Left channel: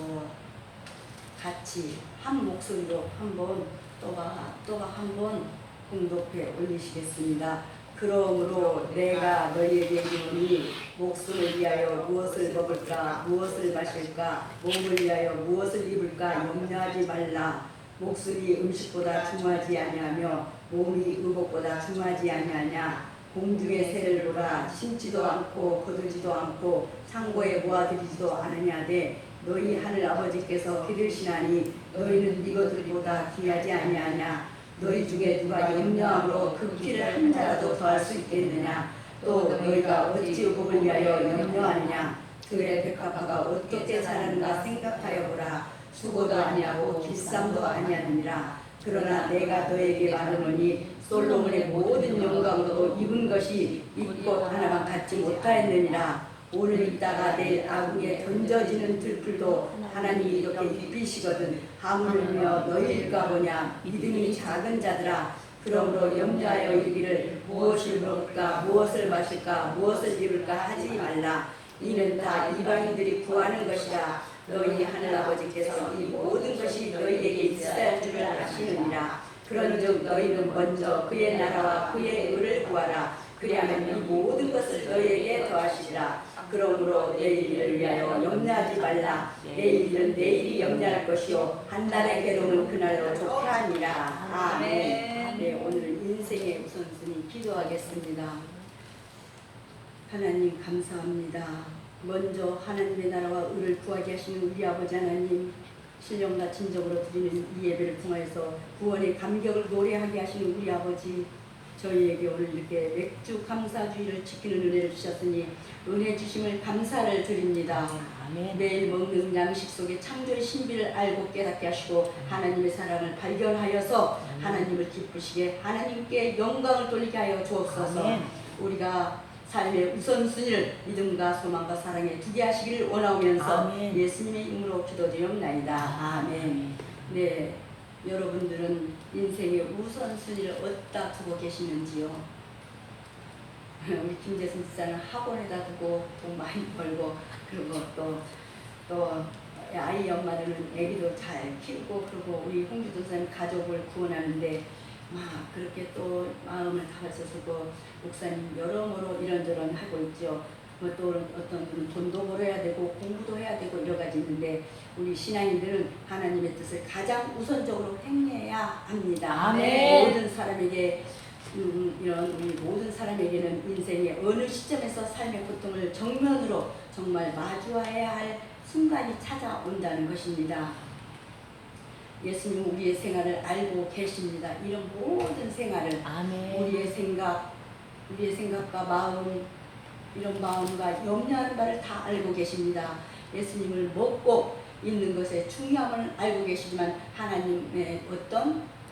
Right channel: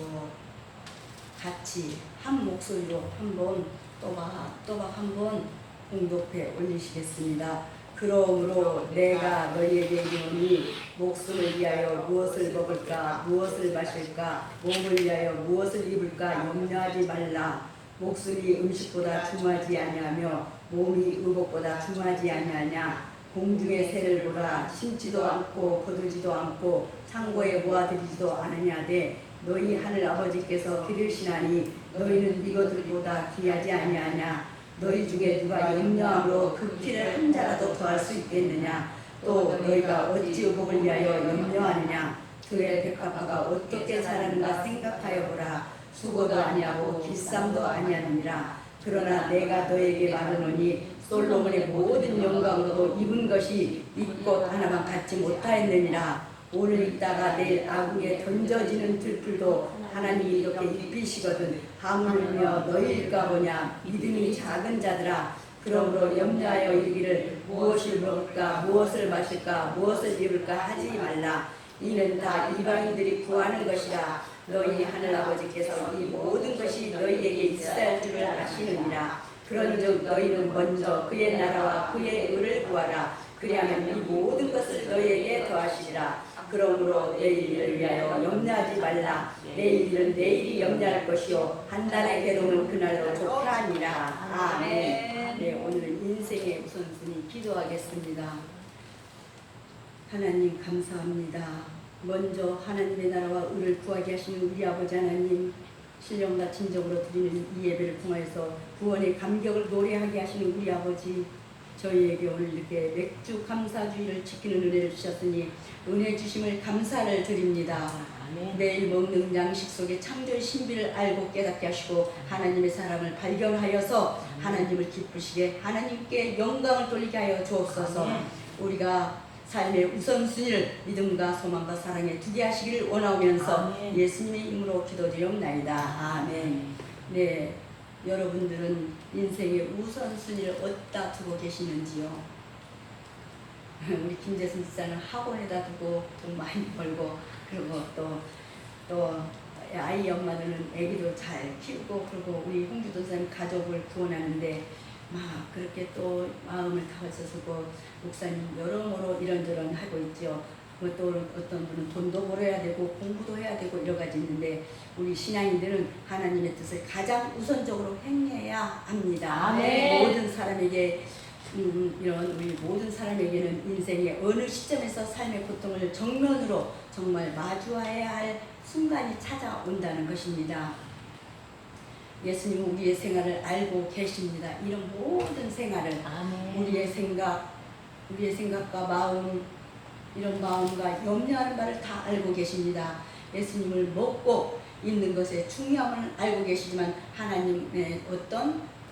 마시고 같이 한 목소리로 한번 또박 한번 공독해 올리시겠습니다. 그러므로 내가 너희에게 이르노니 목숨을 위하여 무엇을 먹을까 무엇을 마실까 몸을 위하여 무엇을 입을까 염려하지 말라. 목숨이 음식보다 중하지 아니하며 몸이 의복보다 중하지 아니하냐. 공중의 새를 보라. 심지도 않고 거두지도 않고 창고에 모아들이지도 않으냐되 너희 하늘 아버지께서 기르시나니 너희는 이것들보다 귀하지 아니하냐. 너희 중에 누가 염려함으로 그 피를 한 자라도 더할 수 있겠느냐. 또 너희가 어찌 의복을 위하여 염려하느냐. 그의 백합화가 어떻게 자라는가 생각하여 보라. 수고도 아니하고 길쌈도 아니하느니라. 그러나 내가 너에게 말하노니 솔로몬의 모든 영광으로도 입은 것이 잎꽃 하나만 갖지 못하였느니라. 오늘 있다가 내일 아궁에 던져지는 들풀도 하나님이 이렇게 입히시거든 하물며 너희일까 보냐. 믿음이 작은 자들아. 그러므로 염려하여 이르기를 무엇을 먹을까 무엇을 마실까 무엇을 입을까 하지 말라. 이는 다 이방인들이 구하는 것이라. 너희 하늘 아버지께서 이 모든 것이 너희에게 있어야 할 줄을 아시느니라. 그런즉 너희는 먼저 그의 나라와 그의 의를 구하라. 그리하면 이 모든 것을 너희에게 더하시리라. 그러므로 내일을 위하여 염려하지 말라. 내일은 내일이 염려할 것이요 한날의 괴로움은 그날로 족하니라. 아멘. 네, 오늘 인생의 우선순위 기도하겠습니다. 하나님 감사합니다. 먼저 하나님의 나라와 의를 구하게 하시는 우리 아버지 하나님, 신령과 진정으로 드리는 이 예배를 통해서 구원의 감격을 노래하게 하시는 우리 아버지, 저희에게 오늘 이렇게 맥주 감사주의를 지키는 은혜를 주셨으니 은혜 주심을 감사를 드립니다. 매일 먹는 양식 속에 창조의 신비를 알고 깨닫게 하시고 하나님의 사랑을 발견하여서 하나님을 기쁘시게 하나님께 영광을 돌리게 하여 주옵소서. 우리가 삶의 우선순위를 믿음과 소망과 사랑에 두게 하시기를 원하면서 예수님의 이름으로 기도드리옵나이다. 아멘. 네, 여러분들은 인생의 우선순위를 어디다 두고 계시는지요? 우리 김재순 지사는 학원에다 두고 돈 많이 벌고, 그리고 또 아이 엄마들은 애기도 잘 키우고, 그리고 우리 홍주도 선생님 가족을 구원하는데 막 그렇게 또 마음을 다하셔서 목사님 여러모로 이런저런 하고 있죠. 또 어떤 분은 돈도 벌어야 되고 공부도 해야 되고 여러 가지 있는데 우리 신앙인들은 하나님의 뜻을 가장 우선적으로 행해야 합니다. 모든 사람에게 이런 우리 모든 사람에게는 인생의 어느 시점에서 삶의 고통을 정면으로 정말 마주해야 할 순간이 찾아온다는 것입니다. 예수님은 우리의 생활을 알고 계십니다. 이런 모든 생활을 우리의 생각과 마음, 이런 마음과 염려하는 바를 다 알고 계십니다. 예수님을 먹고 있는 것의 중요함을 알고 계시지만 하나님의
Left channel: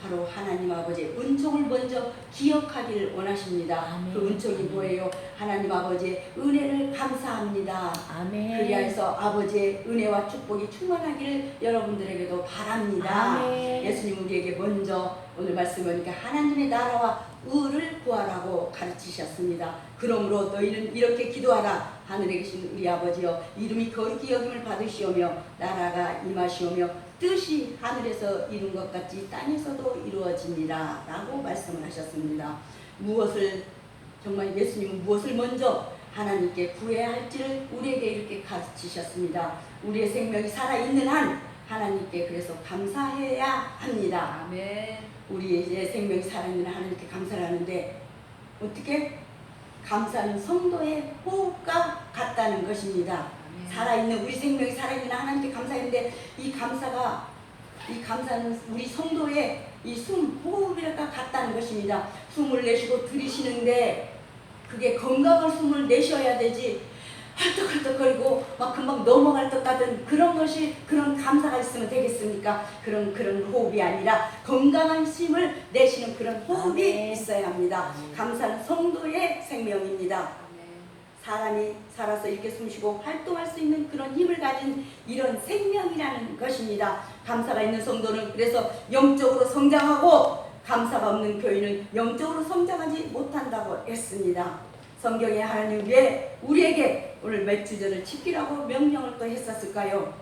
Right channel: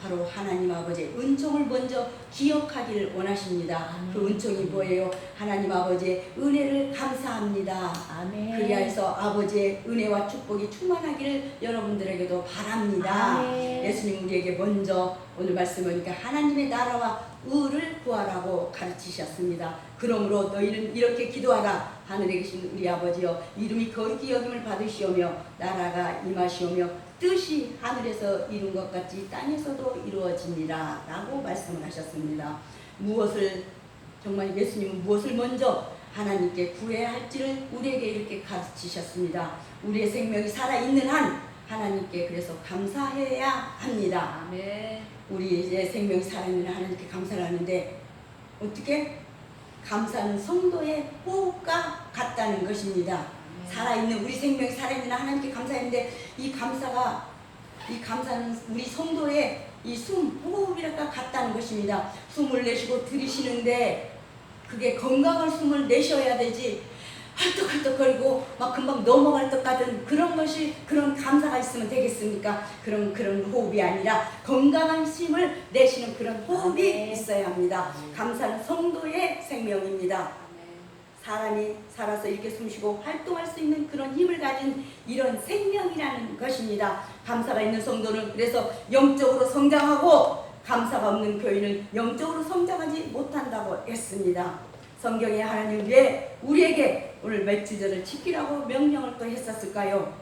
바로 하나님 아버지의 은총을 먼저 기억하기를 원하십니다. 그 은총이 뭐예요? 하나님 아버지의 은혜를 감사합니다. 그리하여서 아버지의 은혜와 축복이 충만하기를 여러분들에게도 바랍니다. 예수님 우리에게 먼저 오늘 말씀 보니까 하나님의 나라와 의를 구하라고 가르치셨습니다. 그러므로 너희는 이렇게 기도하라. 하늘에 계신 우리 아버지여, 이름이 거룩히 여김을 받으시오며 나라가 임하시오며 뜻이 하늘에서 이룬 것 같이 땅에서도 이루어지니라 라고 말씀을 하셨습니다. 정말 예수님은 무엇을 먼저 하나님께 구해야 할지를 우리에게 이렇게 가르치셨습니다. 우리의 생명이 살아있는 한 하나님께 그래서 감사해야 합니다. 우리의 생명이 살아있는 한 하나님께 감사를 하는데 어떻게? 감사는 성도의 호흡과 같다는 것입니다. 살아있는 우리 생명이 살아있는 하나님께 감사했는데 이 감사는 우리 성도의 이 호흡이랑 같다는 것입니다. 숨을 내쉬고 들이쉬는데 그게 건강한 숨을 내셔야 되지 헐떡헐떡거리고 막 금방 넘어갈 것 같은 그런 감사가 있으면 되겠습니까? 그런 호흡이 아니라 건강한 힘을 내쉬는 그런 호흡이 있어야 합니다. 감사는 성도의 생명입니다. 사람이 살아서 이렇게 숨쉬고 활동할 수 있는 그런 힘을 가진 이런 생명이라는 것입니다. 감사가 있는 성도는 그래서 영적으로 성장하고 감사가 없는 교인은 영적으로 성장하지 못한다고 했습니다. 성경에 하나님 왜 우리에게 오늘 맥주절을 지키라고 명령을 또 했었을까요?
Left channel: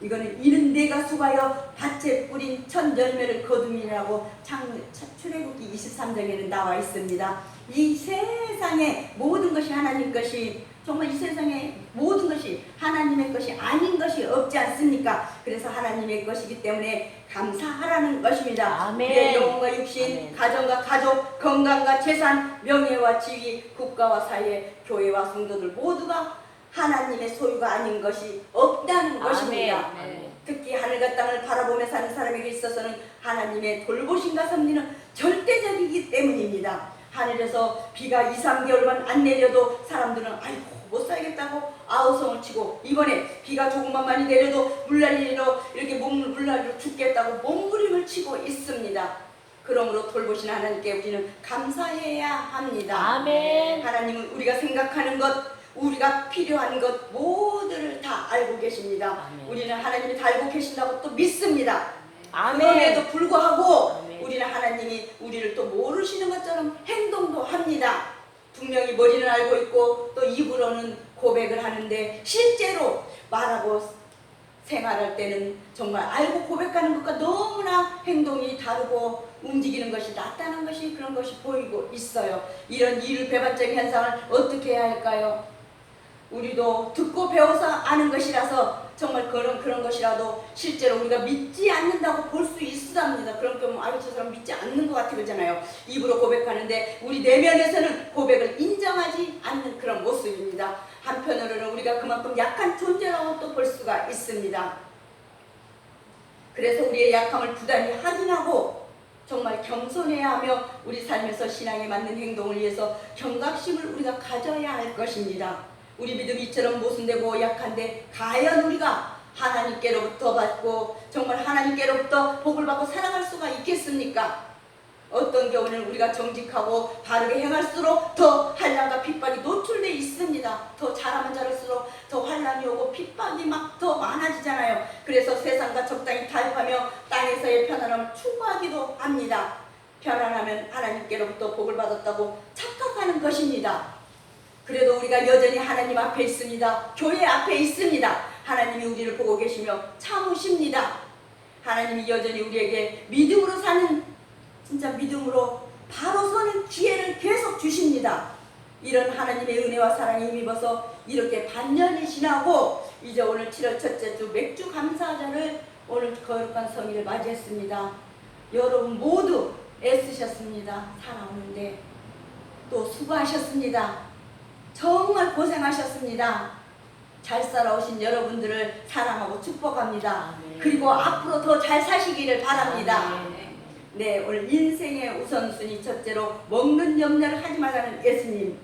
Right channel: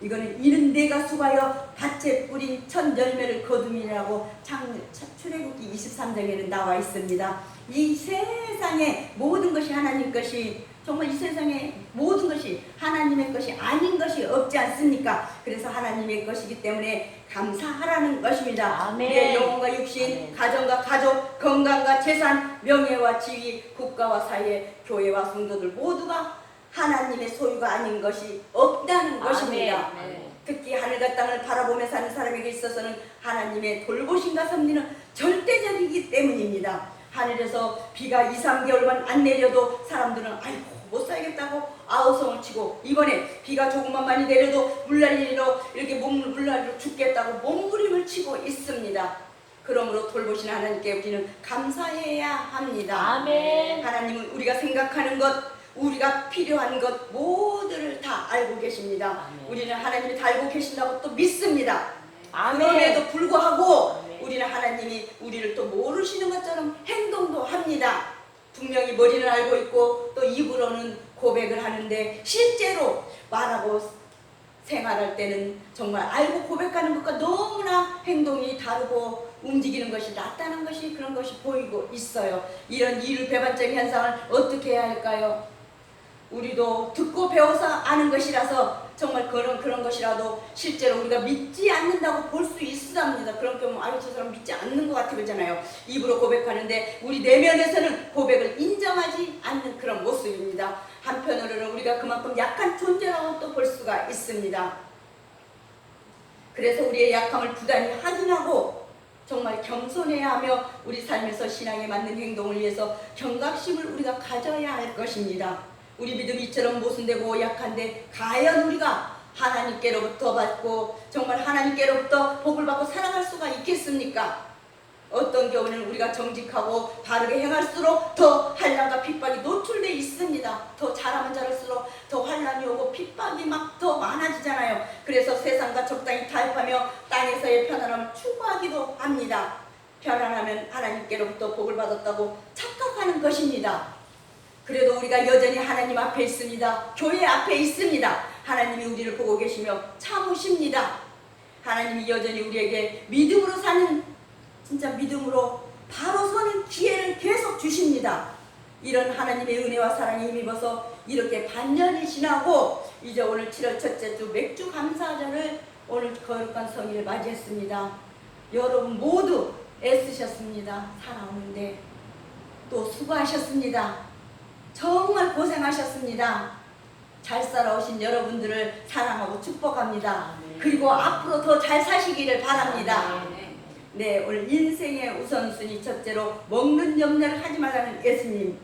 이거는 이는 내가 수고하여 밭에 뿌린 첫 열매를 거둠이라고 출애굽기 23장에는 나와 있습니다. 이 세상의 모든 것이 하나님 것이, 정말 이 세상의 모든 것이 하나님의 것이 아닌 것이 없지 않습니까? 그래서 하나님의 것이기 때문에 감사하라는 것입니다. 아멘. 내 영혼과 육신, 아멘. 가정과 가족, 건강과 재산, 명예와 지위, 국가와 사회, 교회와 성도들 모두가 하나님의 소유가 아닌 것이 없다는 것입니다. 아멘. 특히 하늘과 땅을 바라보며 사는 사람에게 있어서는 하나님의 돌보심과 섭리는 절대적이기 때문입니다. 하늘에서 비가 2, 3개월만 안 내려도 사람들은 아이고 못 살겠다고 아우성을 치고, 이번에 비가 조금만 많이 내려도 물난리로 이렇게 물난리로 죽겠다고 몸부림을 치고 있습니다. 그러므로 돌보시는 하나님께 우리는 감사해야 합니다. 아멘. 하나님은 우리가 생각하는 것, 우리가 필요한 것 모두를 다 알고 계십니다. 아멘. 우리는 하나님이 다 알고 계신다고 또 믿습니다. 아멘. 그럼에도 불구하고 아멘. 우리는 하나님이 우리를 또 모르시는 것처럼 행동도 합니다. 분명히 머리는 알고 있고 또 입으로는 고백을 하는데 실제로 말하고 생활할 때는 정말 알고 고백하는 것과 너무나 행동이 다르고 움직이는 것이 나타나는 것이 그런 것이 보이고 있어요. 이런 이율배반적인 현상을 어떻게 해야 할까요? 우리도 듣고 배워서 아는 것이라서 정말 그런 것이라도 실제로 우리가 믿지 않는다고 볼 수 있습니다. 그런 경우 아유 저 사람 믿지 않는 것 같아 그러잖아요. 입으로 고백하는데 우리 내면에서는 고백을 인정하지 않는 그런 모습입니다. 한편으로는 우리가 그만큼 약한 존재라고 또 볼 수가 있습니다. 그래서 우리의 약함을 부단히 확인하고 정말 겸손해야 하며 우리 삶에서 신앙에 맞는 행동을 위해서 경각심을 우리가 가져야 할 것입니다. 우리 믿음이 이처럼 모순되고 약한데 과연 우리가 하나님께로부터 받고 정말 하나님께로부터 복을 받고 살아갈 수가 있겠습니까? 어떤 경우는 우리가 정직하고 바르게 행할수록 더 환난과 핍박이 노출되어 있습니다. 더 잘하면 잘할수록 더 환난이 오고 핍박이 막 더 많아지잖아요. 그래서 세상과 적당히 타협하며 땅에서의 편안함을 추구하기도 합니다. 편안하면 하나님께로부터 복을 받았다고 착각하는 것입니다. 그래도 우리가 여전히 하나님 앞에 있습니다. 교회 앞에 있습니다. 하나님이 우리를 보고 계시며 참으십니다. 하나님이 여전히 우리에게 믿음으로 사는, 진짜 믿음으로 바로 서는 기회를 계속 주십니다. 이런 하나님의 은혜와 사랑에 힘입어서 이렇게 반년이 지나고 이제 오늘 7월 첫째 주 맥주 감사절을 오늘 거룩한 성일을 맞이했습니다. 여러분 모두 애쓰셨습니다. 살아오는데 또 수고하셨습니다. 정말 고생하셨습니다. 잘 살아오신 여러분들을 사랑하고 축복합니다. 그리고 앞으로 더 잘 사시기를 바랍니다. 네, 오늘 인생의 우선순위 첫째로 먹는 염려를 하지 말라는 예수님.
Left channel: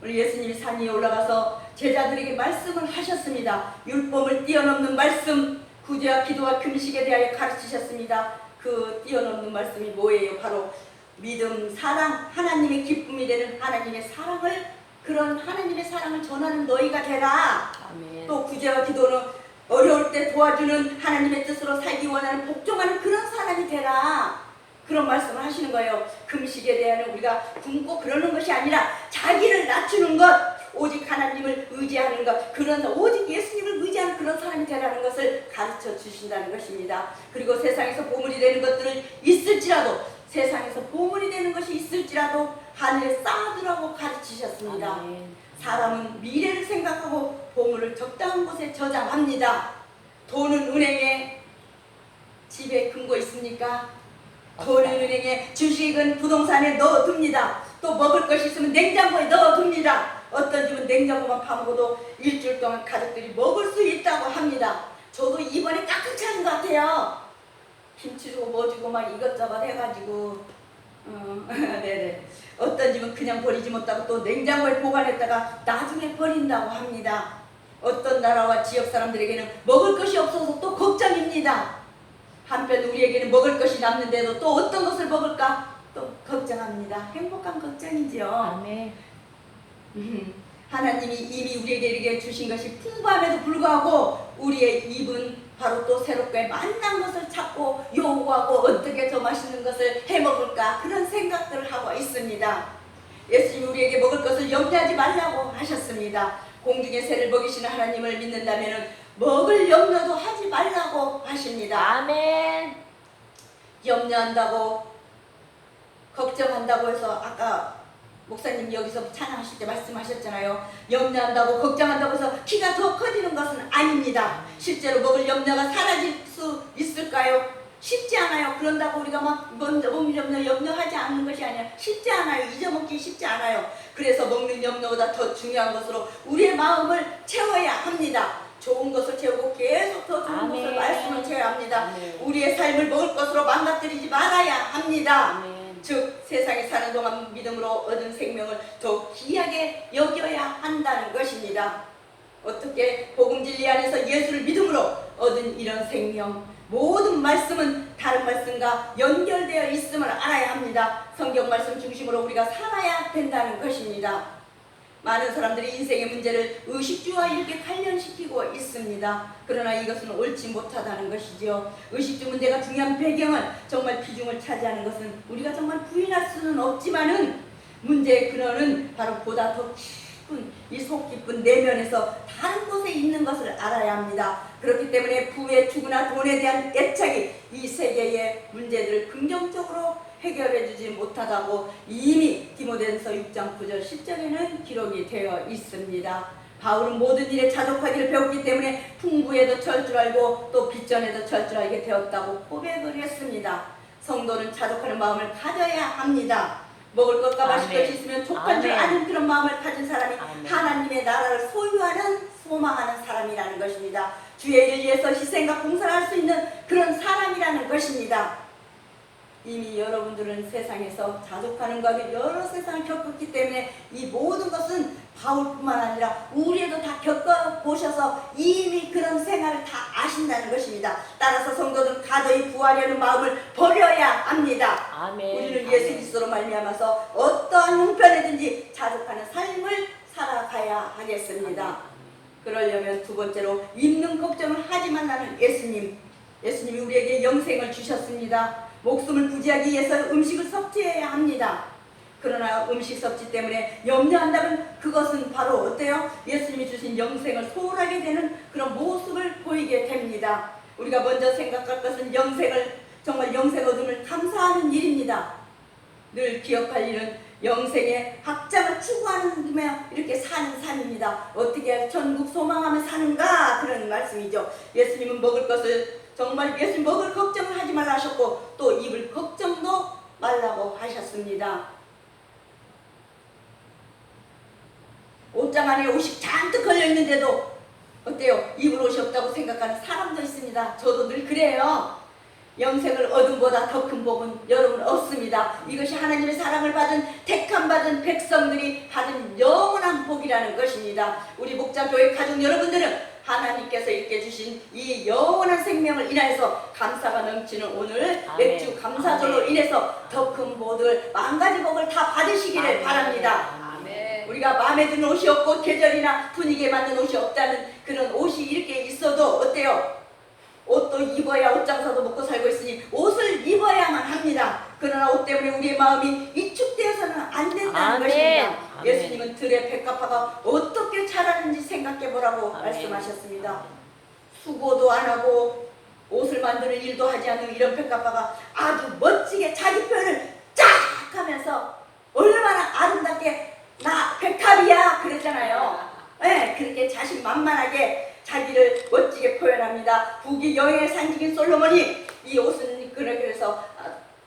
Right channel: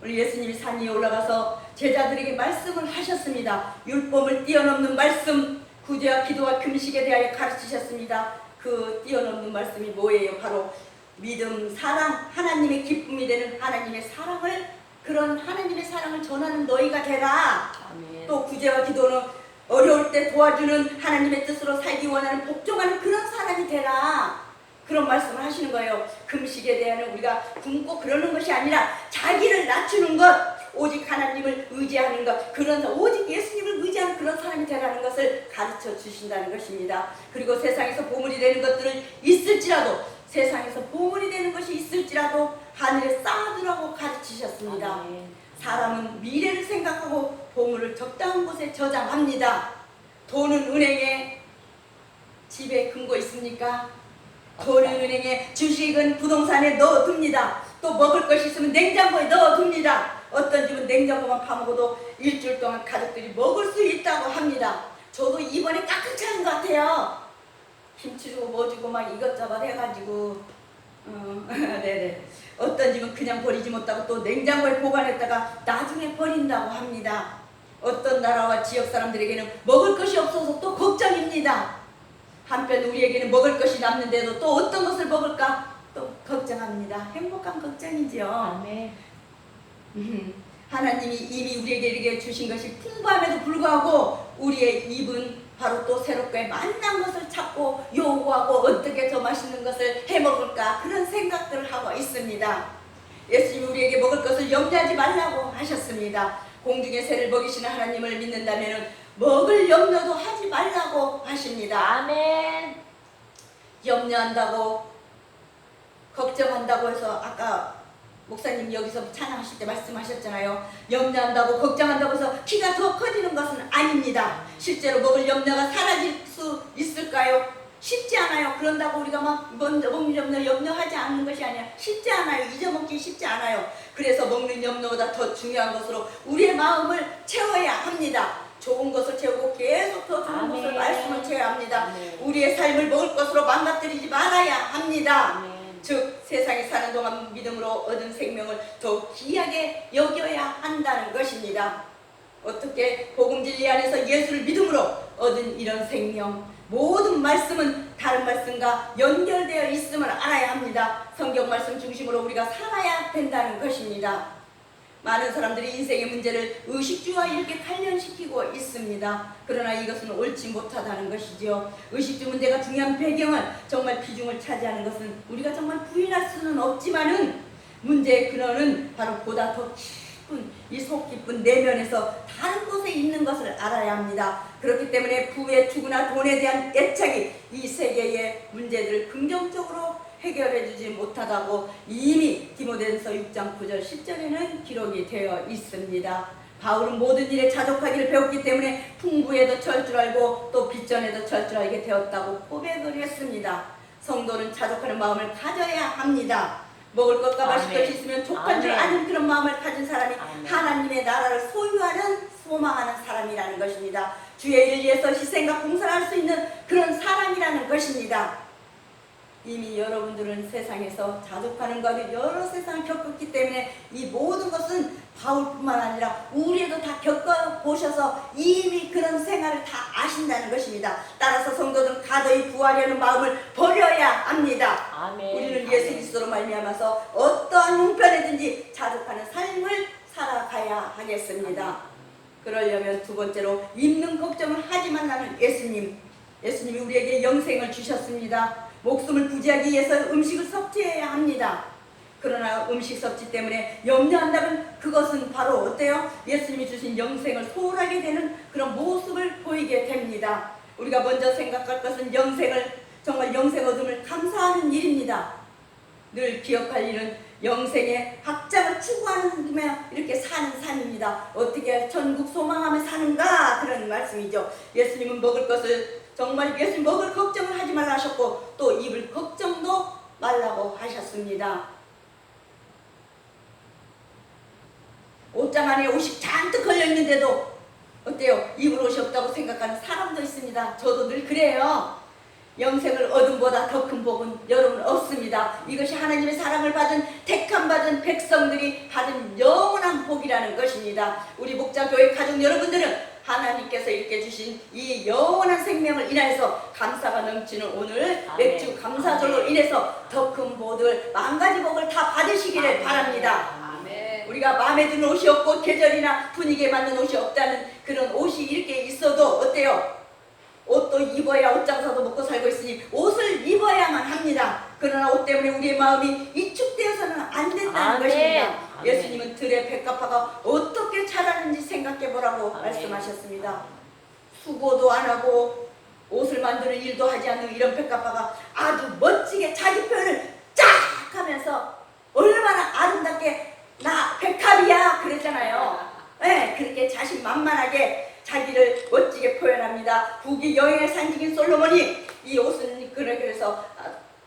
오늘 예수님이 산 위에 올라가서 제자들에게 말씀을 하셨습니다. 율법을 뛰어넘는 말씀, 구제와 기도와 금식에 대하여 가르치셨습니다. 그 뛰어넘는 말씀이 뭐예요? 바로 믿음, 사랑, 하나님의 기쁨이 되는 하나님의 사랑을, 그런 하나님의 사랑을 전하는 너희가 되라. 아멘. 또 구제와 기도는 어려울 때 도와주는 하나님의 뜻으로 살기 원하는 복종하는 그런 사람이 되라. 그런 말씀을 하시는 거예요. 금식에 대한 우리가 굶고 그러는 것이 아니라 자기를 낮추는 것, 오직 하나님을 의지하는 것, 그런 오직 예수님을 의지하는 그런 사람이 되라는 것을 가르쳐 주신다는 것입니다. 그리고 세상에서 보물이 되는 것들을 있을지라도, 세상에서 보물이 되는 것이 있을지라도 하늘에 쌓아두라고 가르치셨습니다. 사람은 미래를 생각하고 보물을 적당한 곳에 저장합니다. 돈은 은행에, 집에 금고 있습니까? 돈은 은행에, 주식은 부동산에 넣어둡니다. 또 먹을 것이 있으면 냉장고에 넣어둡니다. 어떤 집은 냉장고만 파먹어도 일주일 동안 가족들이 먹을 수 있다고 합니다. 저도 이번에 깍깍 차는 것 같아요. 김치 주고 뭐 주고 막 이것저것 해가지고 네네. 어떤 집은 그냥 버리지 못하고 또 냉장고에 보관했다가 나중에 버린다고 합니다. 어떤 나라와 지역 사람들에게는 먹을 것이 없어서 또 걱정입니다. 한편 우리에게는 먹을 것이 남는데도 또 어떤 것을 먹을까 또 걱정합니다. 행복한 걱정이죠. 아멘. 하나님이 이미 우리에게 이렇게 주신 것이 풍부함에도 불구하고 우리의 입은 바로 또 새롭게 만난 것을 찾고 요구하고 어떻게 더 맛있는 것을 해먹을까 그런 생각들을 하고 있습니다. 예수님 우리에게 먹을 것을 염려하지 말라고 하셨습니다. 공중의 새를 먹이시는 하나님을 믿는다면 먹을 염려도 하지 말라고 하십니다. 아멘. 염려한다고 걱정한다고 해서 아까 목사님 여기서 찬양하실 때 말씀하셨잖아요. 염려한다고 걱정한다고 해서 키가 더 커지는 것은 아닙니다. 실제로 먹을 염려가 사라질 수 있을까요? 쉽지 않아요. 그런다고 우리가 막 먼저 먹는 염려 염려하지 않는 것이 아니라 쉽지 않아요. 잊어먹기 쉽지 않아요. 그래서 먹는 염려보다 더 중요한 것으로 우리의 마음을 채워야 합니다. 좋은 것을 채우고 계속 더 좋은 것을 말씀을 채워야 합니다. 우리의 삶을 먹을 것으로 망가뜨리지 말아야 합니다. 즉 세상에 사는 동안 믿음으로 얻은 생명을 더 귀하게 여겨야 한다는 것입니다. 어떻게 복음 진리 안에서 예수를 믿음으로 얻은 이런 생명, 모든 말씀은 다른 말씀과 연결되어 있음을 알아야 합니다. 성경 말씀 중심으로 우리가 살아야 된다는 것입니다. 많은 사람들이 인생의 문제를 의식주와 이렇게 관련시키고 있습니다. 그러나 이것은 옳지 못하다는 것이죠. 의식주 문제가 중요한 배경은 정말 비중을 차지하는 것은 우리가 정말 부인할 수는 없지만은 문제의 근원은 바로 보다 더 깊은 이 속 깊은 내면에서 다른 곳에 있는 것을 알아야 합니다. 그렇기 때문에 부의 투구나 돈에 대한 애착이 이 세계의 문제들을 긍정적으로 해결해주지 못하다고 이미 디모데전서 6장 9절 10절에는 기록이 되어 있습니다. 바울은 모든 일에 자족하기를 배웠기 때문에 풍부에도 철저하고 또 빚전에도 철저하게 되었다고 고백을 했습니다. 성도는 자족하는 마음을 가져야 합니다. 먹을 것과 마실 것이 있으면 족한 줄 아는 그런 마음을 가진 사람이 하나님의 나라를 소유하는 소망하는 사람이라는 것입니다. 주의 일을 위해서 희생과 봉사를 할 수 있는 그런 사람이라는 것입니다. 이미 여러분들은 세상에서 자족하는 것을 여러 세상을 겪었기 때문에 이 모든 것은 바울뿐만 아니라 우리도 다 겪어보셔서 이미 그런 생활을 다 아신다는 것입니다. 따라서 성도들은 가더히 구하려는 마음을 버려야 합니다. 아멘. 우리는 예수 그리스도로 말미암아서 어떠한 형편이든지 자족하는 삶을 살아가야 하겠습니다. 그러려면 두 번째로 있는 걱정을 하지 말라는 예수님이 우리에게 영생을 주셨습니다. 목숨을 부지하기 위해서 음식을 섭취해야 합니다. 그러나 음식 섭취 때문에 염려한다면 그것은 바로 어때요? 예수님이 주신 영생을 소홀하게 되는 그런 모습을 보이게 됩니다. 우리가 먼저 생각할 것은 정말 영생 얻음을 감사하는 일입니다. 늘 기억할 일은 영생의 확장을 추구하는 이렇게 사는 삶입니다. 어떻게 천국 소망하며 사는가 그런 말씀이죠. 예수님은 먹을 것을 정말 예수님 먹을 걱정을 하지 말라 하셨고 또 입을 걱정도 말라고 하셨습니다. 옷장 안에 옷이 잔뜩 걸려있는데도 어때요? 입을 옷이 없다고 생각하는 사람도 있습니다. 저도 늘 그래요. 영생을 얻음보다 더 큰 복은 여러분 없습니다. 이것이 하나님의 사랑을 받은 택함받은 백성들이 받은 영원한 복이라는 것입니다. 우리 목자교회 가족 여러분들은 하나님께서 이렇게 주신 이 영원한 생명을 인하여서 감사가 넘치는 오늘 맥주 감사절로 인해서 더 큰 복을 만가지 복을 다 받으시기를 바랍니다. 우리가 마음에 드는 옷이 없고 계절이나 분위기에 맞는 옷이 없다는 그런 옷이 이렇게 있어도 어때요? 옷도 입어야 옷장사도 먹고 살고 있으니 옷을 입어야만 합니다. 그러나 옷 때문에 우리의 마음이 위축되어서는 안 된다는 것입니다. 예수님은 들의 백합화가 어떻게 자라는지 생각해보라고 말씀하셨습니다. 수고도 안 하고 옷을 만드는 일도 하지 않는 이런 백합화가 아주 멋지게 자기 표현을 쫙 하면서 얼마나 아름답게 나 백합이야 그랬잖아요. 네, 그렇게 자신만만하게 자기를 멋지게 표현합니다. 북이 여행의 산지인 솔로몬이 이 옷은 그래서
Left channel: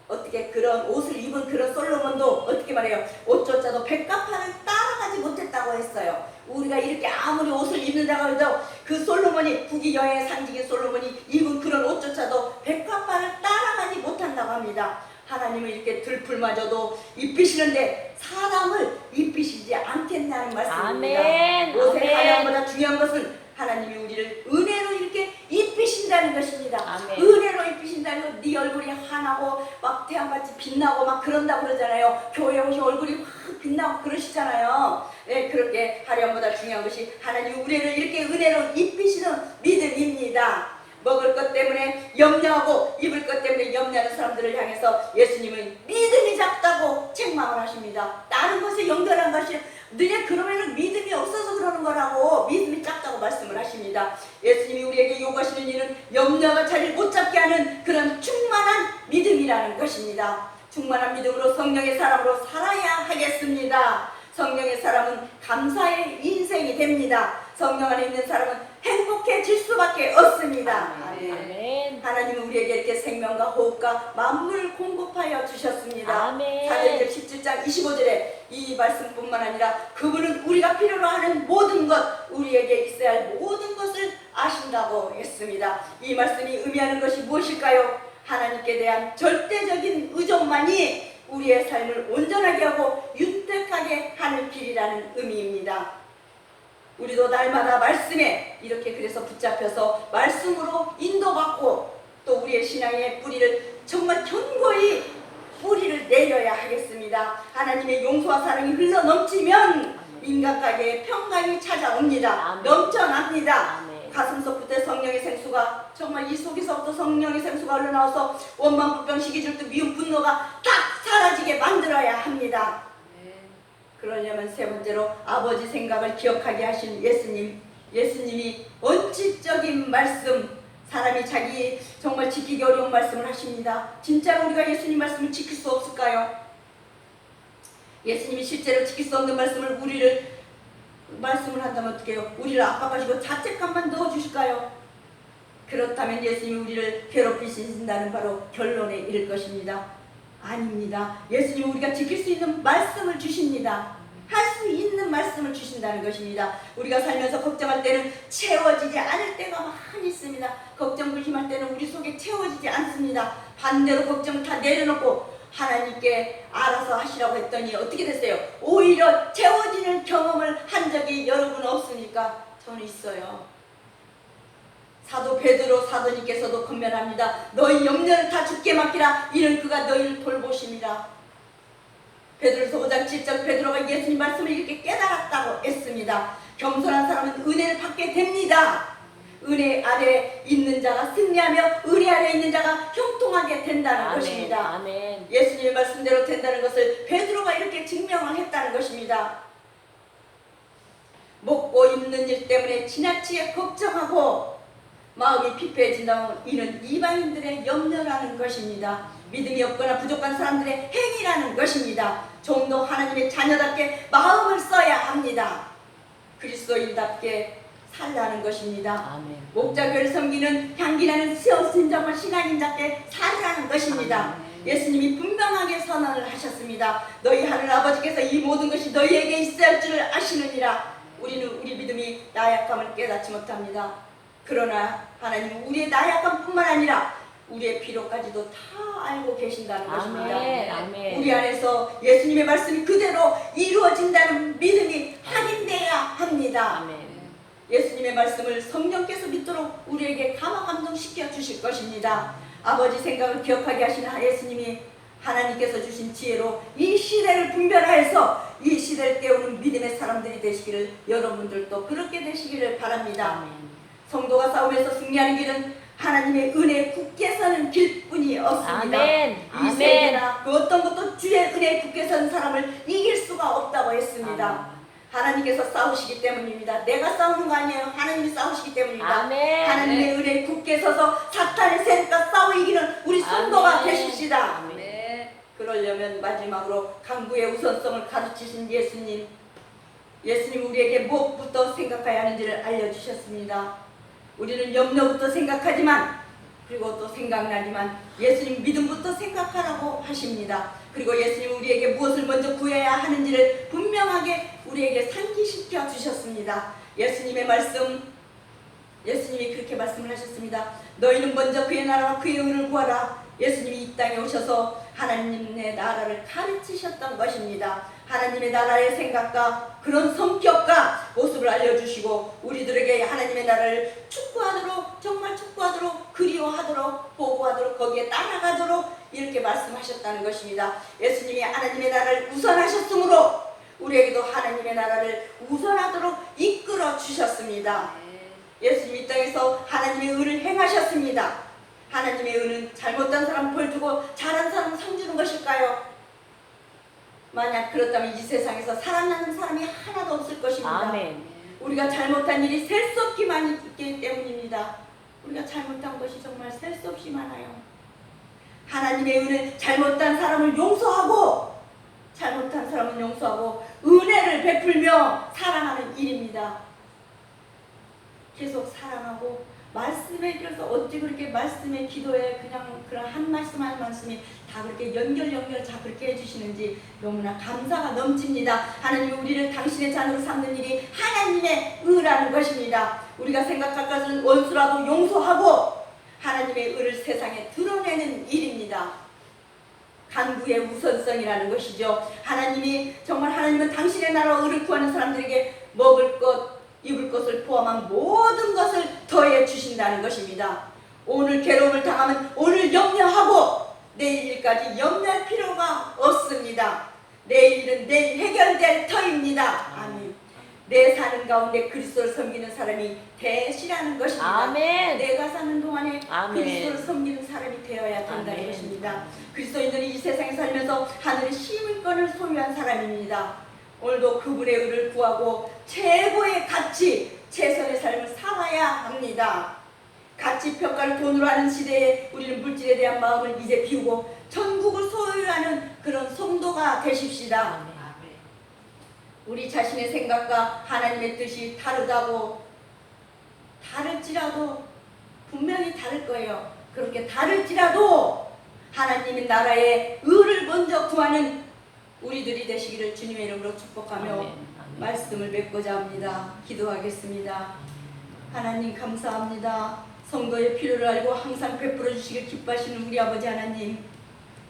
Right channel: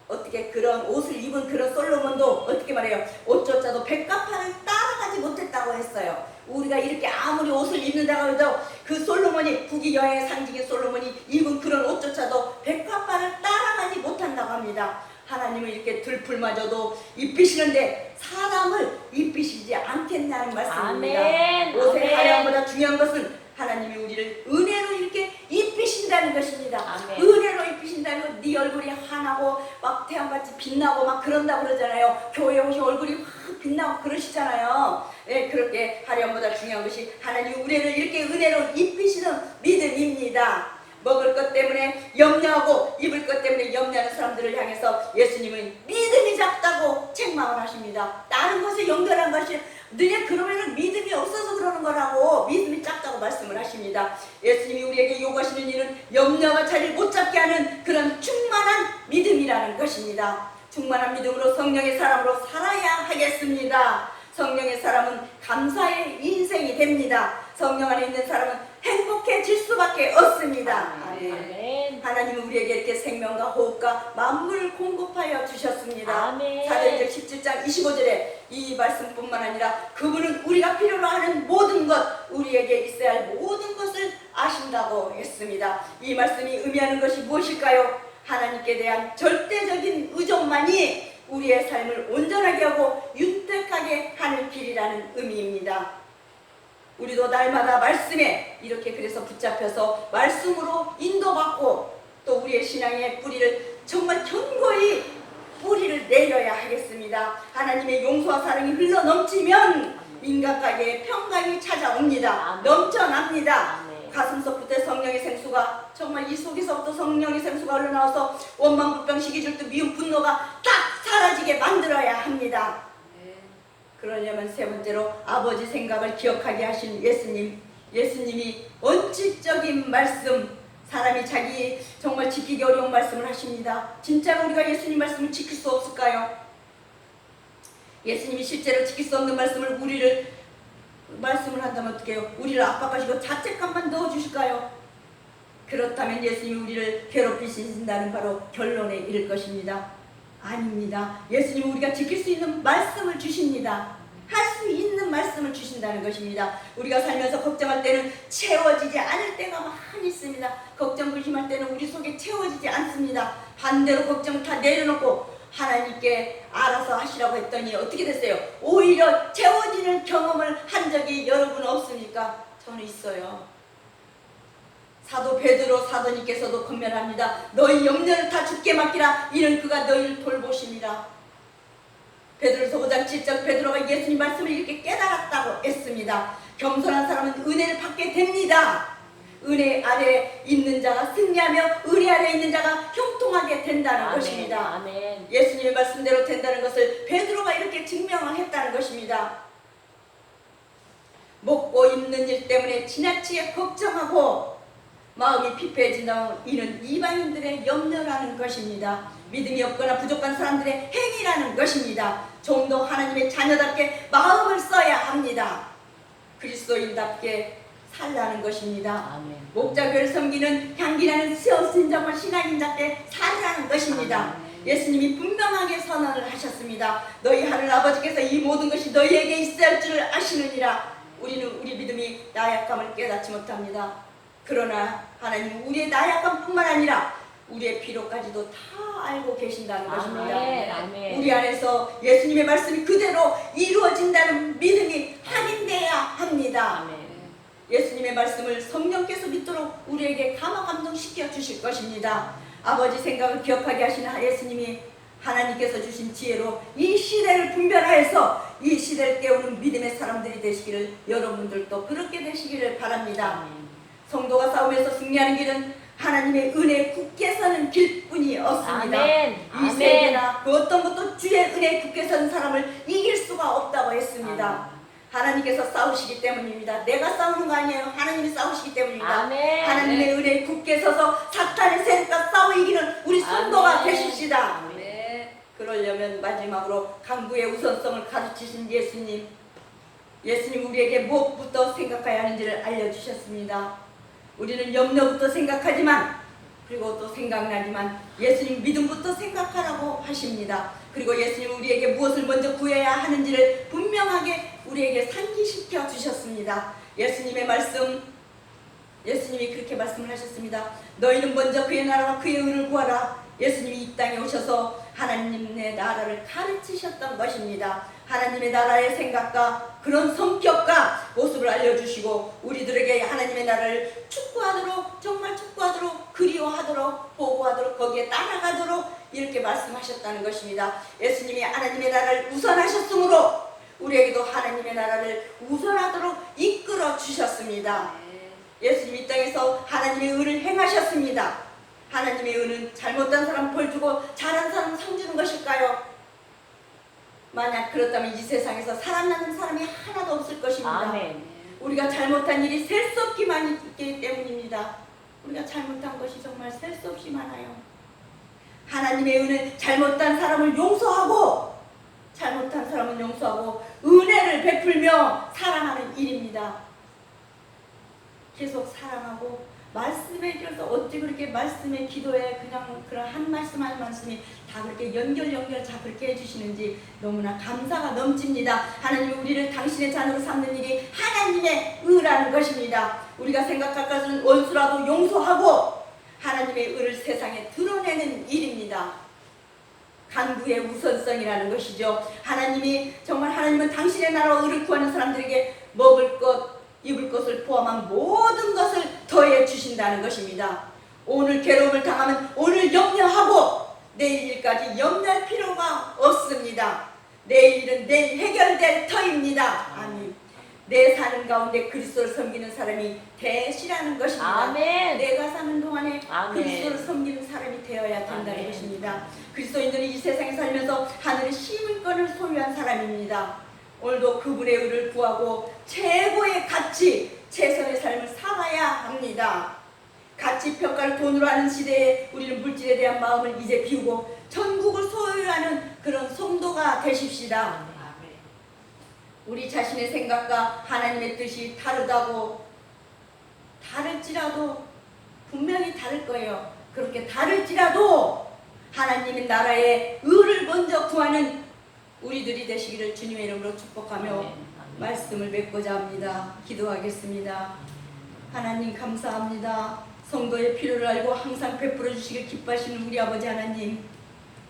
어떻게 그런 옷을 입은 그런 솔로몬도 어떻게 말해요? 옷조차도 백합화를 따라가지 못했다고 했어요. 우리가 이렇게 아무리 옷을 입는다고 해도 그 솔로몬이 북이 여행의 산지인 솔로몬이 입은 그런 옷조차도 백합화를 따라가지 못한다고 합니다. 하나님은 이렇게 들풀마저도 입히시는데 사람을 입히시지 않겠다는 말씀입니다. 아멘. 옷의 하나보다 중요한 것은 하나님이 우리를 은혜로 이렇게 입히신다는 것입니다. 아멘. 은혜로 입히신다는 건 네 얼굴이 환하고 막 태양같이 빛나고 막 그런다고 그러잖아요. 교회 오신 얼굴이 확 빛나고 그러시잖아요. 네, 그렇게 하나보다 중요한 것이 하나님 우리를 이렇게 은혜로 입히시는 믿음입니다. 먹을 것 때문에 염려하고 입을 것 때문에 염려하는 사람들을 향해서 예수님은 믿음이 작다고 책망을 하십니다. 다른 것을 연결한 것이 너네 그러면은 믿음이 없어서 그러는 거라고, 믿음이 작다고 말씀을 하십니다. 예수님이 우리에게 요구하시는 일은 염려가 자리를 못 잡게 하는 그런 충만한 믿음이라는 것입니다. 충만한 믿음으로 성령의 사람으로 살아야 하겠습니다. 성령의 사람은 감사의 인생이 됩니다. 성령 안에 있는 사람은 행복해질 수밖에 없습니다. 아멘. 하나님은 우리에게 이렇게 생명과 호흡과 만물을 공급하여 주셨습니다. 사도행전 17장 25절에 이 말씀뿐만 아니라 그분은 우리가 필요로 하는 모든 것, 우리에게 있어야 할 모든 것을 아신다고 했습니다. 이 말씀이 의미하는 것이 무엇일까요? 하나님께 대한 절대적인 의존만이 우리의 삶을 온전하게 하고 윤택하게 하는 길이라는 의미입니다. 우리도 날마다 말씀에 이렇게 그래서 붙잡혀서 말씀으로 인도받고 또 우리의 신앙의 뿌리를 정말 견고히 뿌리를 내려야 하겠습니다. 하나님의 용서와 사랑이 흘러넘치면 인간가게에 평강이 찾아옵니다. 넘쳐납니다. 가슴속부터 성령의 생수가, 정말 이 속에서부터 성령의 생수가 흘러나와서 원망, 불평, 시기, 질투, 미움, 분노가 딱 사라지게 만들어야 합니다. 그러려면 세 번째로 아버지 생각을 기억하게 하신 예수님이 원칙적인 말씀, 사람이 자기 정말 지키기 어려운 말씀을 하십니다. 진짜로 우리가 예수님 말씀을 지킬 수 없을까요? 예수님이 실제로 지킬 수 없는 말씀을 말씀을 한다면 어떻게 해요? 우리를 압박하시고 자책감만 넣어주실까요? 그렇다면 예수님이 우리를 괴롭히신다는 바로 결론에 이를 것입니다. 아닙니다. 예수님은 우리가 지킬 수 있는 말씀을 주십니다. 할 수 있는 말씀을 주신다는 것입니다. 우리가 살면서 걱정할 때는 채워지지 않을 때가 많이 있습니다. 걱정, 근심할 때는 우리 속에 채워지지 않습니다. 반대로 걱정을 다 내려놓고 하나님께 알아서 하시라고 했더니 어떻게 됐어요? 오히려 채워지는 경험을 한 적이 여러분 없습니까? 저는 있어요. 사도 베드로 사도님께서도 권면합니다. 너희 염려를 다 주께 맡기라. 이는 그가 너희를 돌보심이라. 베드로서 5장 7절 베드로가 예수님 말씀을 이렇게 깨달았다고 했습니다. 겸손한 사람은 은혜를 받게 됩니다. 은혜 아래에 있는 자가 승리하며 은혜 아래에 있는 자가 형통하게 된다는 것입니다. 아멘. 예수님의 말씀대로 된다는 것을 베드로가 이렇게 증명을 했다는 것입니다. 먹고 입는 일 때문에 지나치게 걱정하고 마음이 피폐해진다면 이는 이방인들의 염려라는 것입니다. 믿음이 없거나 부족한 사람들의 행위라는 것입니다. 좀 더 하나님의 자녀답게 마음을 써야 합니다. 그리스도인답게 살라는 것입니다. 목자교를 섬기는 향기나는 정말 신앙인답게 살라는 것입니다. 예수님이 분명하게 선언을 하셨습니다. 너희 하늘 아버지께서 이 모든 것이 너희에게 있어야 할 줄을 아시느니라. 우리는 우리 믿음이 나약함을 깨닫지 못합니다. 그러나 하나님 우리의 나약함뿐만 아니라 우리의 필요까지도 다 알고 계신다는 것입니다. 아멘. 우리 안에서 예수님의 말씀이 그대로 이루어진다는 믿음이 확인돼야 합니다. 아멘. 예수님의 말씀을 성령께서 믿도록 우리에게 감화 감동시켜 주실 것입니다. 아버지 생각을 기억하게 하신 예수님이 하나님께서 주신 지혜로 이 시대를 분별하여서 이 시대를 깨우는 믿음의 사람들이 되시기를, 여러분들도 그렇게 되시기를 바랍니다. 아멘. 성도가 싸움에서 승리하는 길은 하나님의 은혜에 굳게 서는 길뿐이 없습니다. 아멘. 이 세계나 그 어떤 것도 주의 은혜에 굳게 서는 사람을 이길 수가 없다고 했습니다. 아멘. 하나님께서 싸우시기 때문입니다. 내가 싸우는 거 아니에요. 하나님이 싸우시기 때문입니다. 아멘. 하나님의 은혜에 굳게 서서 사탄의 세력과 싸워 이기는 우리 성도가 되십시다. 아멘. 그러려면 마지막으로 강구의 우선성을 가르치신 예수님 우리에게 무엇부터 생각해야 하는지를 알려주셨습니다. 우리는 염려부터 생각하지만, 그리고 또 생각나지만 예수님 믿음부터 생각하라고 하십니다. 그리고 예수님 우리에게 무엇을 먼저 구해야 하는지를 분명하게 우리에게 상기시켜 주셨습니다. 예수님의 말씀, 예수님이 그렇게 말씀을 하셨습니다. 너희는 먼저 그의 나라와 그의 의를 구하라. 예수님이 이 땅에 오셔서 하나님의 나라를 가르치셨던 것입니다. 하나님의 나라의 생각과 그런 성격과 모습을 알려주시고 우리들에게 하나님의 나라를 축구하도록, 정말 축구하도록, 그리워하도록, 보고하도록, 거기에 따라가도록 이렇게 말씀하셨다는 것입니다. 예수님이 하나님의 나라를 우선하셨으므로 우리에게도 하나님의 나라를 우선하도록 이끌어 주셨습니다. 예수님이 이 땅에서 하나님의 의를 행하셨습니다. 하나님의 의는 잘못한 사람 벌 주고 잘한 사람 상 주는 것일까요? 만약 그렇다면 이 세상에서 살아나는 사람이 하나도 없을 것입니다. 아멘. 우리가 잘못한 일이 셀 수 없기 많기 때문입니다. 우리가 잘못한 것이 정말 셀 수 없이 많아요. 하나님의 은혜, 잘못한 사람을 용서하고 은혜를 베풀며 사랑하는 일입니다. 계속 사랑하고 말씀에 들어서 어찌 그렇게 말씀에 기도에 그냥 그런 한 말씀 한 말씀이 다 그렇게 연결 다 그렇게 해주시는지 너무나 감사가 넘칩니다. 하나님이 우리를 당신의 자녀로 삼는 일이 하나님의 의라는 것입니다. 우리가 생각할 것은 원수라도 용서하고 하나님의 의를 세상에 드러내는 일입니다. 간구의 우선성이라는 것이죠. 하나님은 당신의 나라와 의를 구하는 사람들에게 먹을 것, 입을 것을 포함한 모든 것을 더해 주신다는 것입니다. 오늘 괴로움을 당하면 오늘 염려하고 내일 일까지 염려할 필요가 없습니다. 내일 일은 내일 해결될 터입니다. 아멘. 내 사는 가운데 그리스도를 섬기는 사람이 되시라는 것입니다. 아멘. 내가 사는 동안에 아멘. 그리스도를 섬기는 사람이 되어야 된다는 아멘. 것입니다. 그리스도인들은 이 세상에 살면서 하늘의 시민권을 소유한 사람입니다. 오늘도 그분의 의를 구하고 최고의 가치, 최선의 삶을 살아야 합니다. 가치 평가를 돈으로 하는 시대에 우리는 물질에 대한 마음을 이제 비우고 천국을 소유하는 그런 성도가 되십시다. 우리 자신의 생각과 하나님의 뜻이 다를지라도 분명히 다를 거예요. 그렇게 다를지라도 하나님의 나라의 의를 먼저 구하는 우리들이 되시기를 주님의 이름으로 축복하며 말씀을 맺고자 합니다. 기도하겠습니다. 하나님 감사합니다. 성도의 필요를 알고 항상 베풀어 주시길 기뻐하시는 우리 아버지 하나님,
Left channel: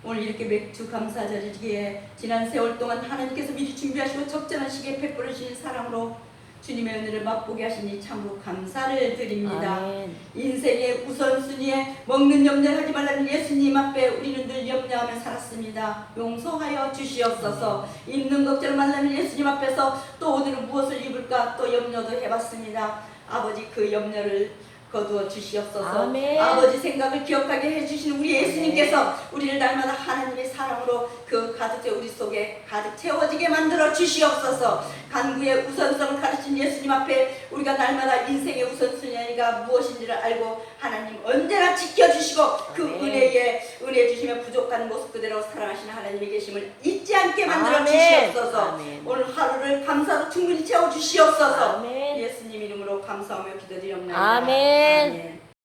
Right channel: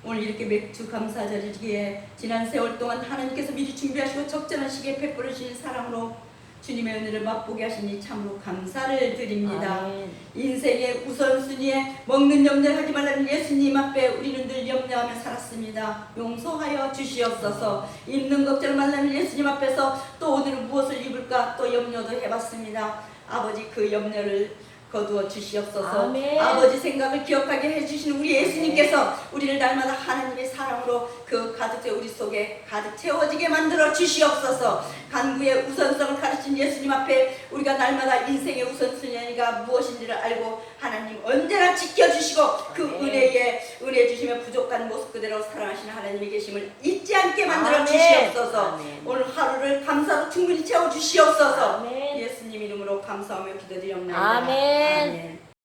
오늘 이렇게 맥주 감사절이기에 지난 세월 동안 하나님께서 미리 준비하시고 적절한 시기에 베풀어 주신 사랑으로 주님의 은혜를 맛보게 하시니 참으로 감사를 드립니다. 아멘. 인생의 우선순위에 먹는 염려를 하지 말라는 예수님 앞에 우리는 늘 염려하며 살았습니다. 용서하여 주시옵소서. 있는 걱정을 만나는 예수님 앞에서 또 오늘 무엇을 입을까 또 염려도 해봤습니다. 아버지 그 염려를 거두어 주시옵소서. 아멘. 아버지 생각을 기억하게 해주시는 우리 예수님께서 우리를 날마다 하나님의 사랑으로 그 가득 우리 속에 가득 채워지게 만들어 주시옵소서. 간구의 우선성을 가르친 예수님 앞에 우리가 날마다 인생의 우선순위가 무엇인지를 알고 하나님 언제나 지켜주시고 그 은혜 주시며 부족한 모습 그대로 사랑하시는 하나님의 계심을 잊지 않게 만들어 주시옵소서. 아멘. 오늘 하루를 감사로 충분히 채워 주시옵소서. 아멘. 예수님 이름으로 감사하며 기도드립니다. 아멘. 아멘.